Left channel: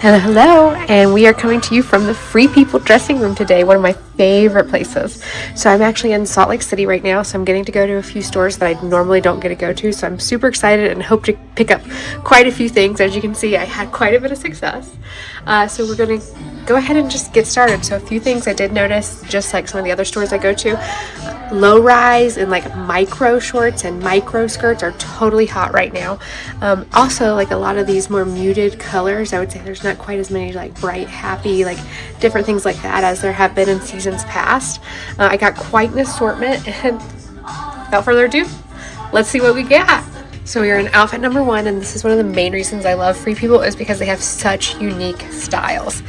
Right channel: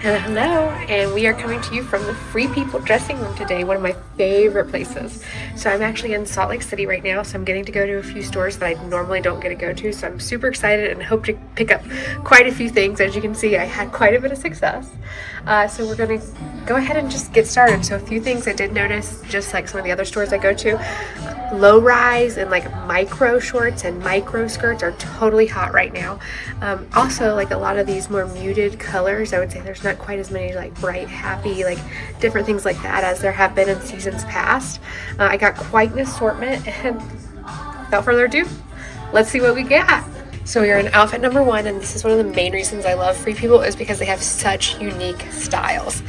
Hello, and we are coming to you from the Free People dressing room today, one of my favorite places. So I'm actually in Salt Lake City right now, so I'm getting to go to a few stores that I normally don't get to go to, so I'm super excited and hope to pick up quite a few things. As you can see, I had quite a bit of success. So we're going to go ahead and just get started. So a few things I did notice, just like some of the other stores I go to, low rise and like micro shorts and micro skirts are totally hot right now. Also, like a lot of these more muted colors, I would say there's not quite as many like bright, happy, like different things like that as there have been in seasons past. I got quite an assortment, and without further ado, let's see what we got. So we are in outfit number 1, and this is one of the main reasons I love Free People is because they have such unique styles.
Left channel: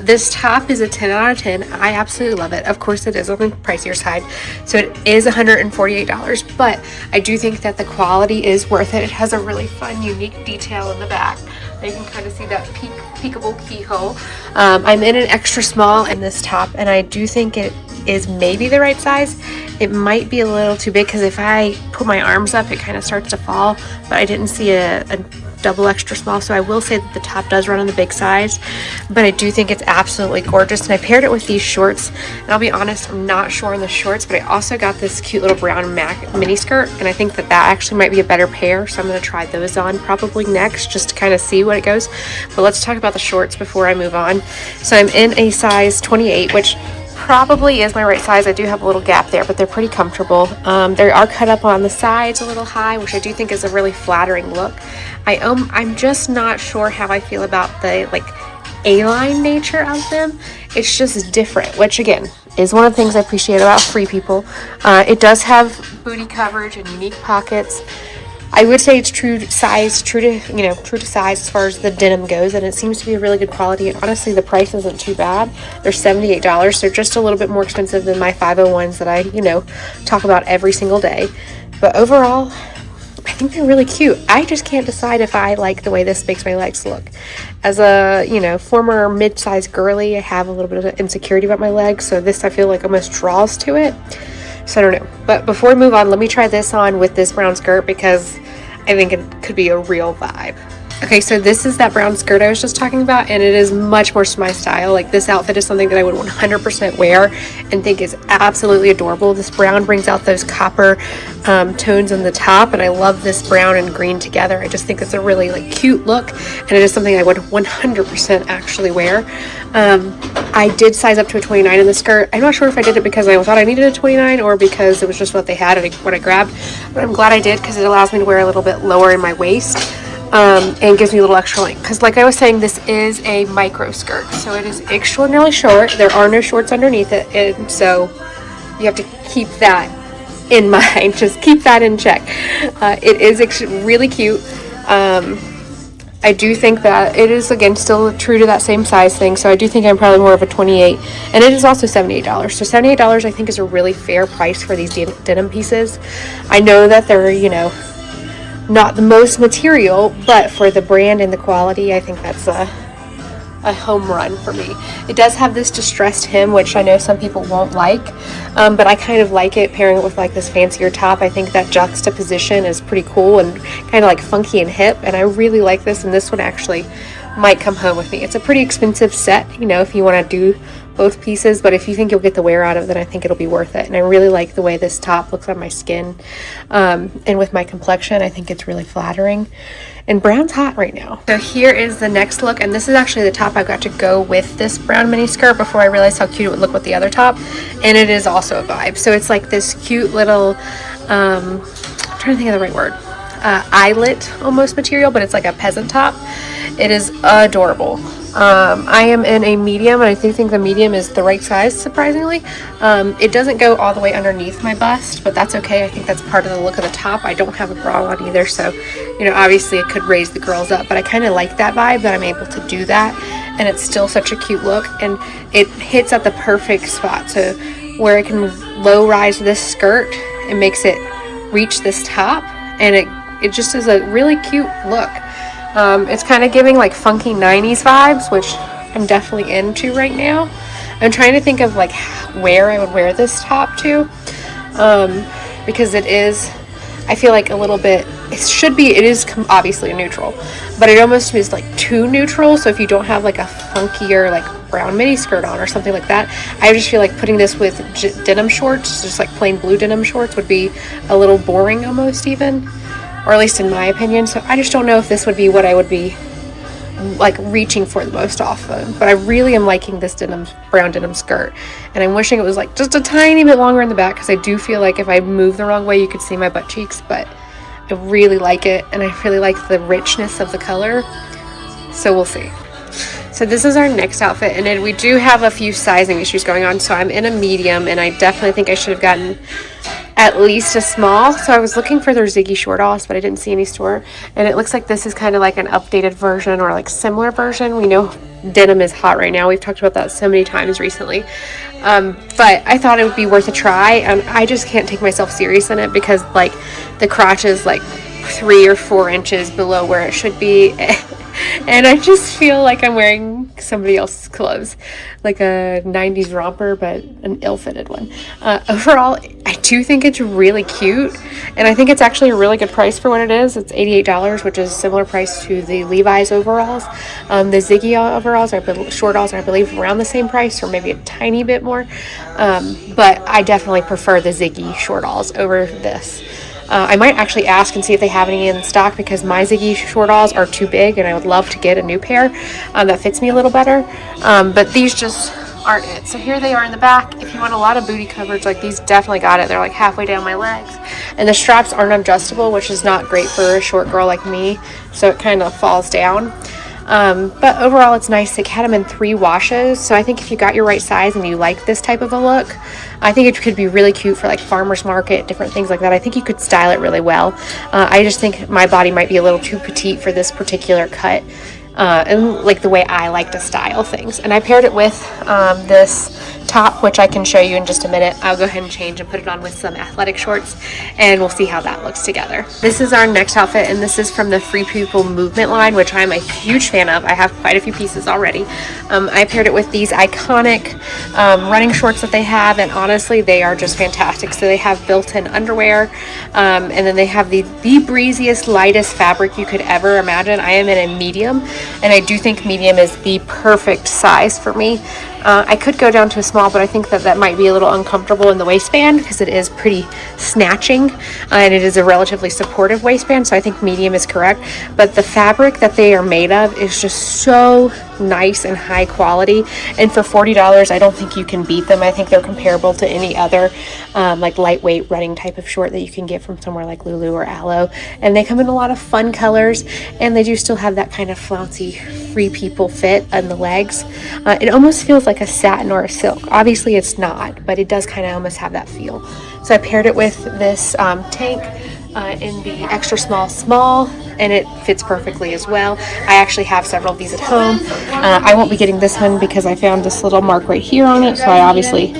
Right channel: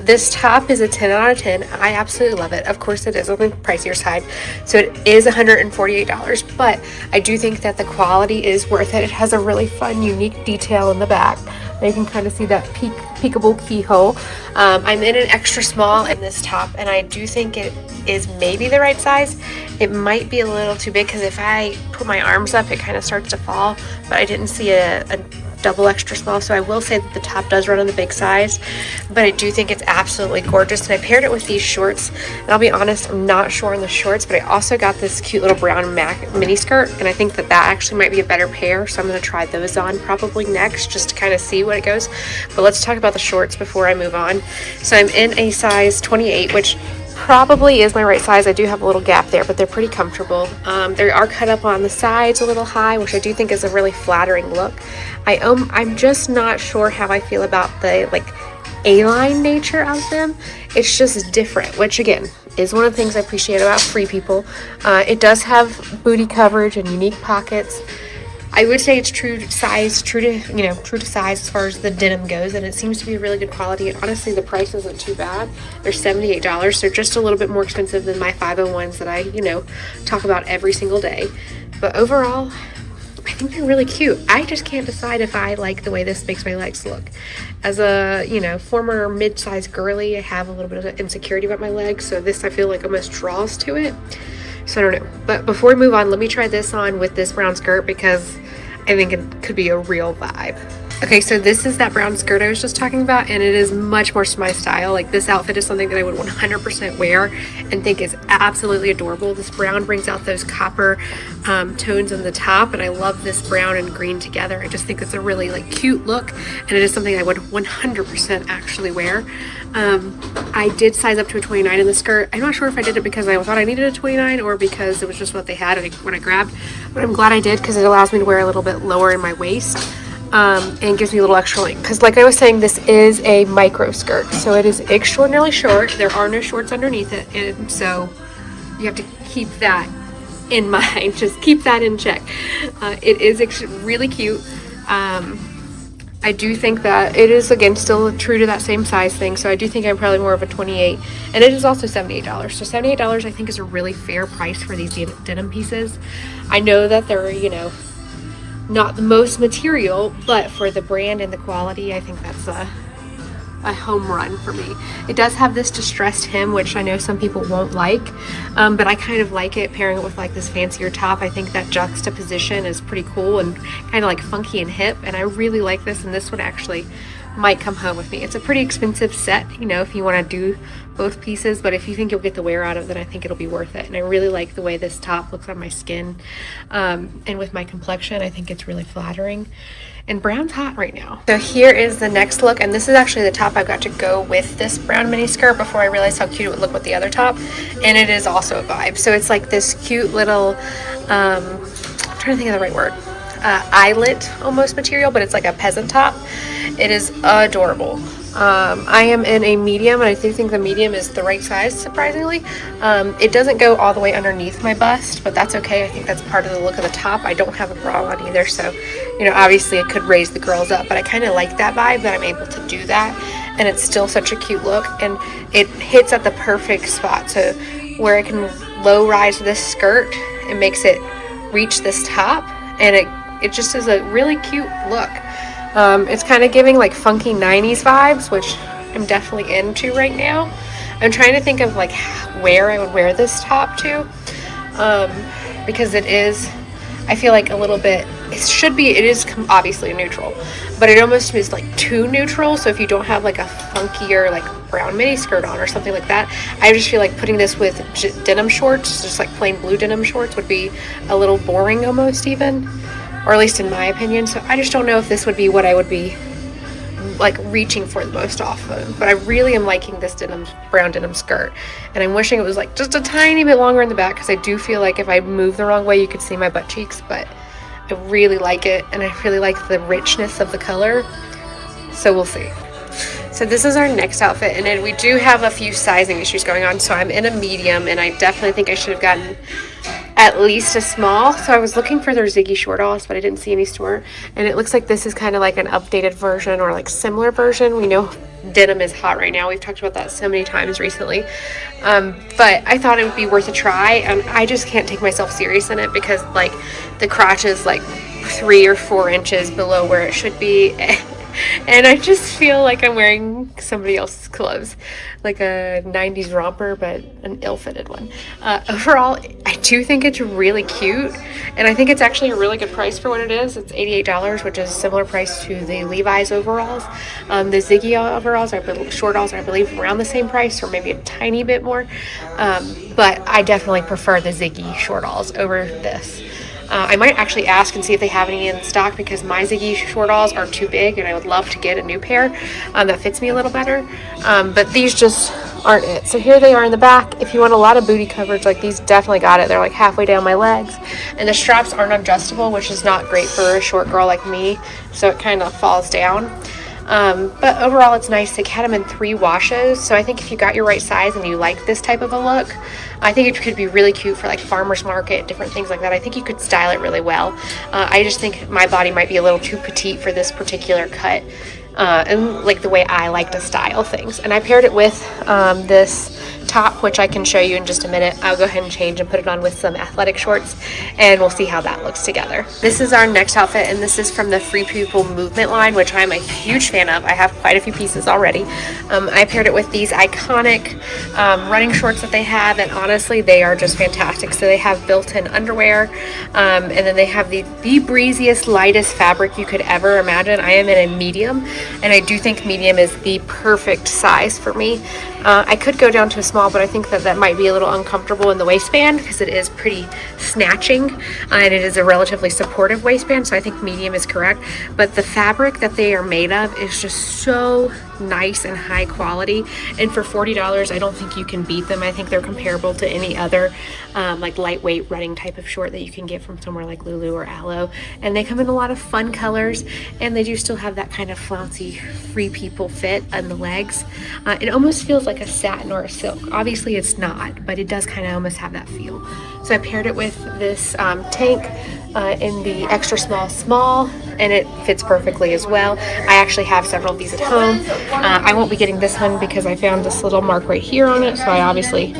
This top is a 10 out of 10. I absolutely love it. Of course, it is on the pricier side, so it is $148, but I do think that the quality is worth it. It has a really fun, unique detail in the back. You can kind of see that peekaboo keyhole. I'm in an extra small in this top, and I do think it is maybe the right size. It might be a little too big because if I put my arms up, it kind of starts to fall, but I didn't see a double extra small, so I will say that the top does run on the big size, but I do think it's absolutely gorgeous. And I paired it with these shorts, and I'll be honest, I'm not sure on the shorts, but I also got this cute little brown mini skirt, and I think that actually might be a better pair, so I'm going to try those on probably next just to kind of see what it goes. But let's talk about the shorts before I move on. So I'm in a size 28, which probably is my right size. I do have a little gap there, but they're pretty comfortable. They are cut up on the sides a little high, which I do think is a really flattering look. I'm just not sure how I feel about the like A-line nature of them. It's just different, which again is one of the things I appreciate about Free People. It does have booty coverage and unique pockets. I would say it's true to size as far as the denim goes, and it seems to be a really good quality. And honestly, the price isn't too bad. They're $78. They're just a little bit more expensive than my 501s that I talk about every single day. But overall, I think they're really cute. I just can't decide if I like the way this makes my legs look. As a former mid-sized girly, I have a little bit of insecurity about my legs, so this I feel like almost draws to it. So I don't know. But before we move on, let me try this on with this brown skirt because I think it could be a real vibe. Okay, so this is that brown skirt I was just talking about, and it is much more my style. Like, this outfit is something that I would 100% wear and think is absolutely adorable. This brown brings out those copper tones on the top, and I love this brown and green together. I just think it's a really cute look, and it is something I would 100% actually wear. I did size up to a 29 in the skirt. I'm not sure if I did it because I thought I needed a 29 or because it was just what they had and what I grabbed, but I'm glad I did because it allows me to wear a little bit lower in my waist. And gives me a little extra length because, like I was saying, this is a micro skirt, so it is extraordinarily short. There are no shorts underneath it, and so you have to keep that in mind. Just keep that in check. It is really cute. I do think that it is, again, still true to that same size thing, so I do think I'm probably more of a 28, and it is also $78. So $78 I think is a really fair price for these denim pieces. I know that they're not the most material, but for the brand and the quality, I think that's a home run for me. It does have this distressed hem, which I know some people won't like, but I kind of like it pairing it with this fancier top. I think that juxtaposition is pretty cool and kind of funky and hip, and I really like this, and this one actually might come home with me. It's a pretty expensive set, if you want to do both pieces, but if you think you'll get the wear out of it, then I think it'll be worth it. And I really like the way this top looks on my skin, and with my complexion, I think it's really flattering. And brown's hot right now. So here is the next look, and this is actually the top I got to go with this brown mini skirt before I realized how cute it would look with the other top, and it is also a vibe. So it's like this cute little, I'm trying to think of the right word, eyelet almost material, but it's like a peasant top. It is adorable. I am in a medium, and I do think the medium is the right size, surprisingly. It doesn't go all the way underneath my bust, but that's okay. I think that's part of the look of the top. I don't have a bra on either, so, obviously it could raise the girls up, but I kind of like that vibe that I'm able to do that, and it's still such a cute look, and it hits at the perfect spot. So where I can low rise this skirt, it makes it reach this top, and it just is a really cute look. It's kind of giving funky 90s vibes, which I'm definitely into right now. I'm trying to think of where I would wear this top to, because it is I feel like a little bit, it is obviously a neutral, but it almost is like too neutral. So if you don't have like a funkier like brown mini skirt on or something like that, I just feel like putting this with denim shorts, just like plain blue denim shorts, would be a little boring almost, even, or at least in my opinion. So I just don't know if this would be what I would be like reaching for the most often. But I really am liking this brown denim skirt, and I'm wishing it was like just a tiny bit longer in the back, because I do feel like if I move the wrong way you could see my butt cheeks. But I really like it, and I really like the richness of the color, so we'll see. So this is our next outfit, and then we do have a few sizing issues going on. So I'm in a medium, and I definitely think I should have gotten at least a small. So I was looking for their Ziggy short-alls, but I didn't see any store, and it looks like this is kind of like an updated version or like similar version. We know denim is hot right now. We've talked about that so many times recently, but I thought it would be worth a try, and I just can't take myself serious in it because like the crotch is like 3 or 4 inches below where it should be. And I just feel like I'm wearing somebody else's clothes, like a 90s romper, but an ill-fitted one. Overall, I do think it's really cute, and I think it's actually a really good price for what it is. It's $88, which is a similar price to the Levi's overalls. The Ziggy overalls, short-alls, are I believe around the same price, or maybe a tiny bit more. But I definitely prefer the Ziggy short-alls over this. I might actually ask and see if they have any in stock, because my Ziggy short-alls are too big, and I would love to get a new pair that fits me a little better. But these just aren't it. So here they are in the back. If you want a lot of booty coverage, like these definitely got it. They're like halfway down my legs, and the straps aren't adjustable, which is not great for a short girl like me, so it kind of falls down. But overall it's nice. They had them in 3 washes, so I think if you got your right size and you like this type of a look, I think it could be really cute for like farmers market, different things like that. I think you could style it really well. I just think my body might be a little too petite for this particular cut, and like the way I like to style things. And I paired it with this top, which I can show you in just a minute. I'll go ahead and change and put it on with some athletic shorts, and we'll see how that looks together. This is our next outfit, and this is from the Free People movement line, which I'm a huge fan of. I have quite a few pieces already. I paired it with these iconic running shorts that they have, and honestly they are just fantastic. So they have built-in underwear, and then they have the breeziest, lightest fabric you could ever imagine. I am in a medium, and I do think medium is the perfect size for me. I could go down to a small, but I think that might be a little uncomfortable in the waistband, because it is pretty snatching, and it is a relatively supportive waistband, so I think medium is correct. But the fabric that they are made of is just so nice and high quality, and for $40 I don't think you can beat them. I think they're comparable to any other like lightweight running type of short that you can get from somewhere like Lulu or Aloe, and they come in a lot of fun colors, and they do still have that kind of flouncy Free People fit on the legs. It almost feels like a satin or a silk. Obviously it's not, but it does kind of almost have that feel. So I paired it with this tank in the extra small, and it fits perfectly as well. I actually have several of these at home. I won't be getting this one because I found this little mark right here on it, so I obviously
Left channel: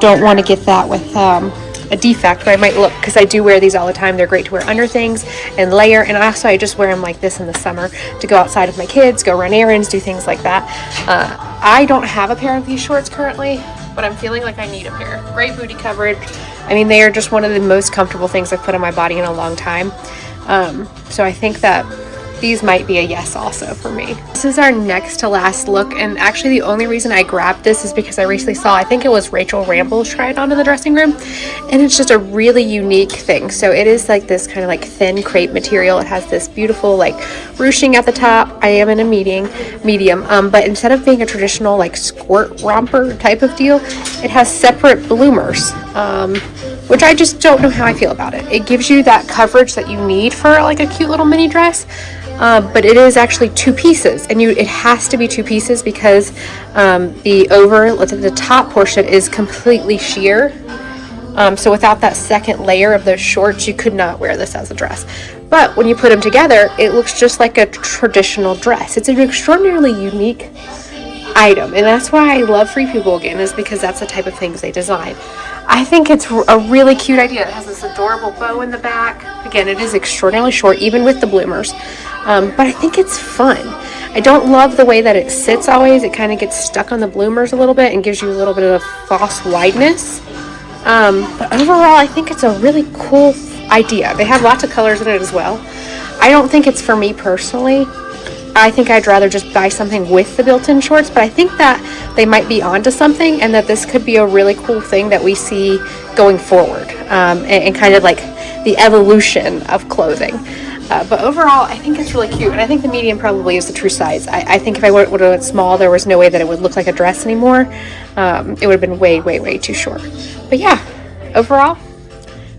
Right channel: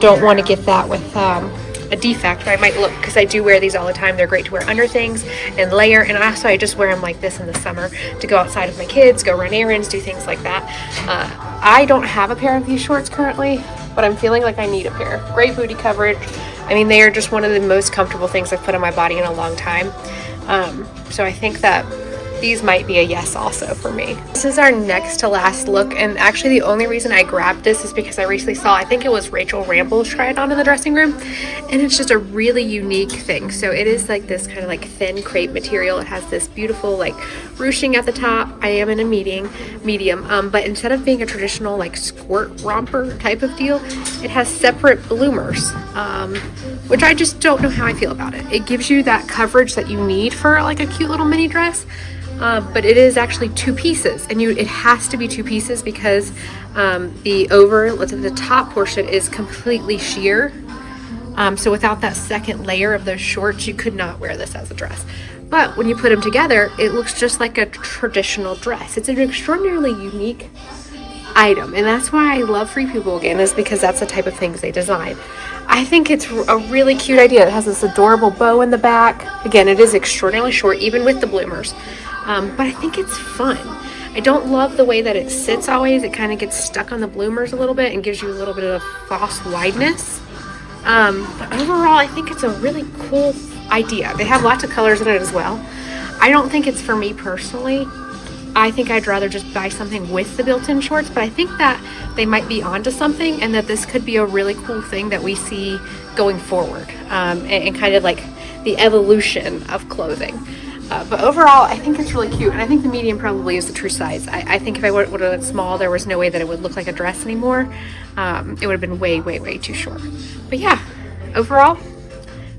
don't want to get that with a defect, but I might look, because I do wear these all the time. They're great to wear under things and layer, and also I just wear them like this in the summer to go outside with my kids, go run errands, do things like that. I don't have a pair of these shorts currently, but I'm feeling like I need a pair. Great booty coverage. I mean, they are just one of the most comfortable things I've put on my body in a long time. So I think that these might be a yes also for me. This is our next to last look, and actually the only reason I grabbed this is because I recently saw, I think it was Rachel Ramble try it on in the dressing room, and it's just a really unique thing. So it is like this kind of like thin crepe material. It has this beautiful like ruching at the top. I am in a medium, but instead of being a traditional like squirt romper type of deal, it has separate bloomers, which I just don't know how I feel about it. It gives you that coverage that you need for like a cute little mini dress. But it is actually 2 pieces, and it has to be 2 pieces because the top portion is completely sheer. So without that second layer of those shorts, you could not wear this as a dress. But when you put them together, it looks just like a traditional dress. It's an extraordinarily unique item, and that's why I love Free People again, is because that's the type of things they design. I think it's a really cute idea. It has this adorable bow in the back. Again, it is extraordinarily short, even with the bloomers. But I think it's fun. I don't love the way that it sits always. It kind of gets stuck on the bloomers a little bit and gives you a little bit of false wideness. But overall, I think it's a really cool idea. They have lots of colors in it as well. I don't think it's for me personally. I think I'd rather just buy something with the built-in shorts, but I think that they might be onto something, and that this could be a really cool thing that we see going forward, and kind of like the evolution of clothing. But overall, I think it's really cute, and I think the medium probably is the true size. I think if I would have went small, there was no way that it would look like a dress anymore. It would have been way, way, way too short. But yeah, overall,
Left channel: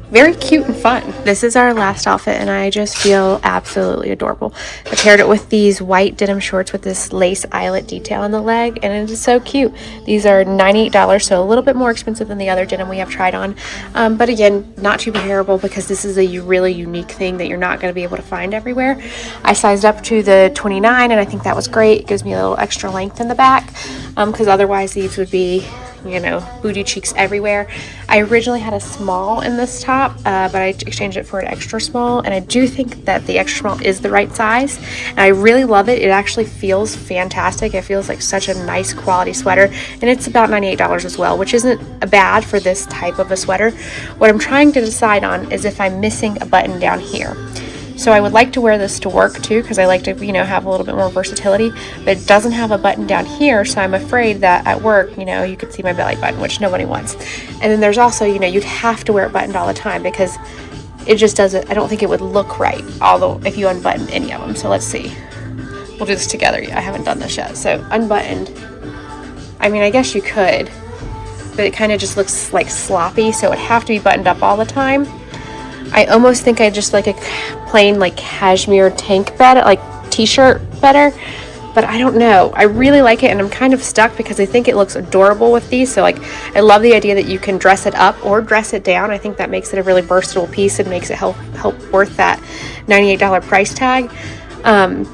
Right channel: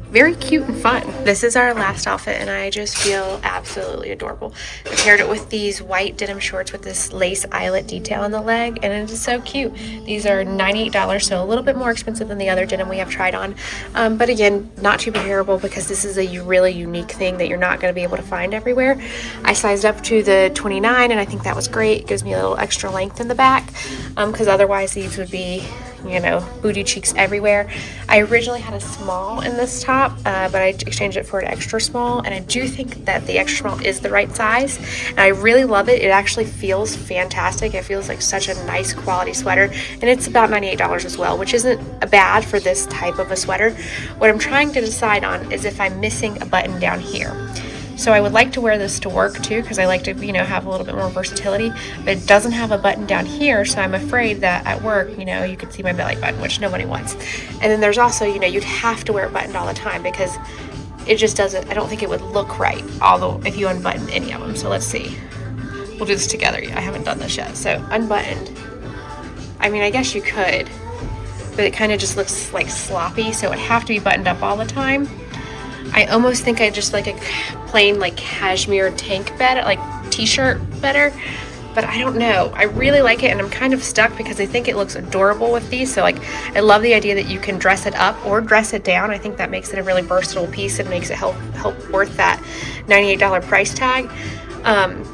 very cute and fun. This is our last outfit, and I just feel absolutely adorable. I paired it with these white denim shorts with this lace eyelet detail on the leg, and it is so cute. These are $98, so a little bit more expensive than the other denim we have tried on. But again, not too comparable, because this is a really unique thing that you're not going to be able to find everywhere. I sized up to the 29, and I think that was great. It gives me a little extra length in the back, because otherwise these would be, you know, booty cheeks everywhere. I originally had a small in this top, but I exchanged it for an extra small, and I do think that the extra small is the right size, and I really love it. It actually feels fantastic. It feels like such a nice quality sweater, and it's about $98 as well, which isn't bad for this type of a sweater. What I'm trying to decide on is if I'm missing a button down here. So I would like to wear this to work too, because I like to, you know, have a little bit more versatility, but it doesn't have a button down here, so I'm afraid that at work, you know, you could see my belly button, which nobody wants. And then there's also, you know, you'd have to wear it buttoned all the time, because it just doesn't, I don't think it would look right, although if you unbutton any of them. So let's see. We'll do this together. I haven't done this yet. So unbuttoned, I mean, I guess you could, but it kind of just looks like sloppy, so it would have to be buttoned up all the time. I almost think I just like a plain like cashmere tank better, like t-shirt better, but I don't know. I really like it, and I'm kind of stuck because I think it looks adorable with these. So like, I love the idea that you can dress it up or dress it down. I think that makes it a really versatile piece and makes it help worth that $98 price tag. But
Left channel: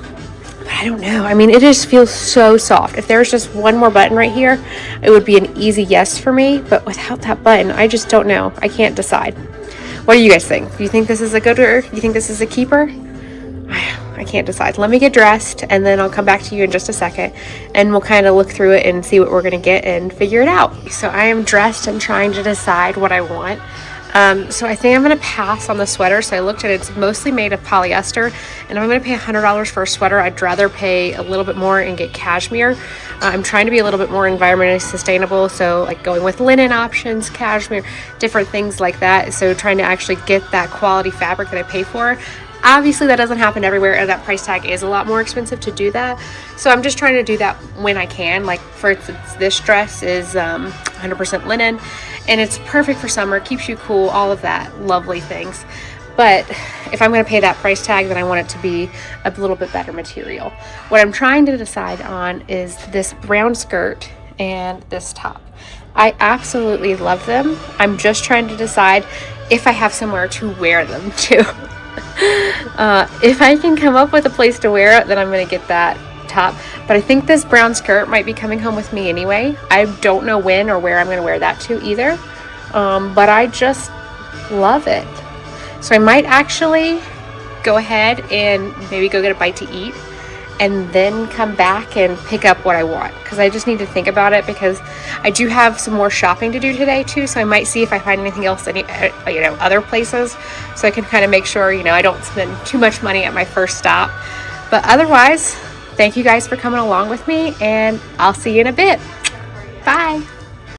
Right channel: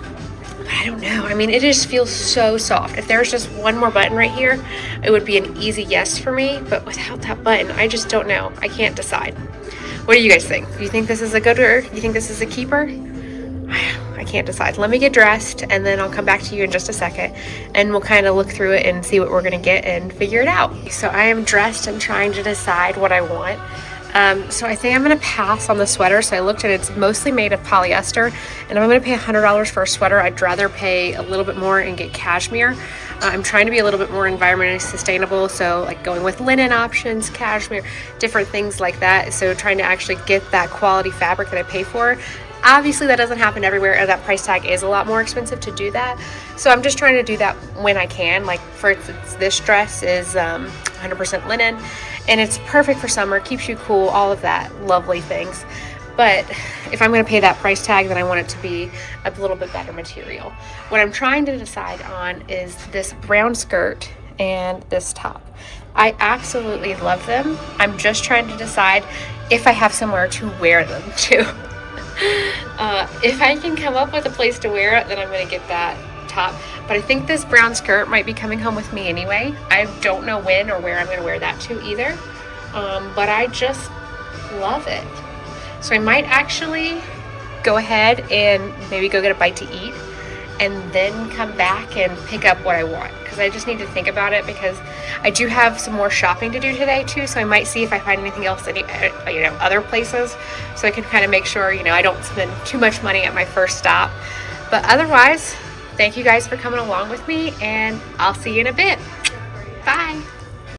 I don't know. I mean, it just feels so soft. If there's just one more button right here, it would be an easy yes for me, but without that button, I just don't know. I can't decide. What do you guys think? Do you think this is a gooder? Do you think this is a keeper? I can't decide. Let me get dressed, and then I'll come back to you in just a second, and we'll kind of look through it and see what we're gonna get and figure it out. So I am dressed and trying to decide what I want. So I think I'm gonna pass on the sweater. So I looked at it, it's mostly made of polyester, and if I'm gonna pay $100 for a sweater, I'd rather pay a little bit more and get cashmere. I'm trying to be a little bit more environmentally sustainable, so like going with linen options, cashmere, different things like that. So trying to actually get that quality fabric that I pay for. Obviously that doesn't happen everywhere, and that price tag is a lot more expensive to do that. So I'm just trying to do that when I can. Like for instance, this dress is 100% linen, and it's perfect for summer, keeps you cool, all of that lovely things. But if I'm going to pay that price tag, then I want it to be a little bit better material. What I'm trying to decide on is this brown skirt and this top. I absolutely love them. I'm just trying to decide if I have somewhere to wear them to. If I can come up with a place to wear it, then I'm going to get that top. But I think this brown skirt might be coming home with me anyway. I don't know when or where I'm going to wear that to either. But I just love it. So I might actually go ahead and maybe go get a bite to eat, and then come back and pick up what I want, because I just need to think about it, because I do have some more shopping to do today too. So I might see if I find anything else, you know, other places, so I can kind of make sure, you know, I don't spend too much money at my first stop. But otherwise, thank you guys for coming along with me, and I'll see you in a bit. Bye.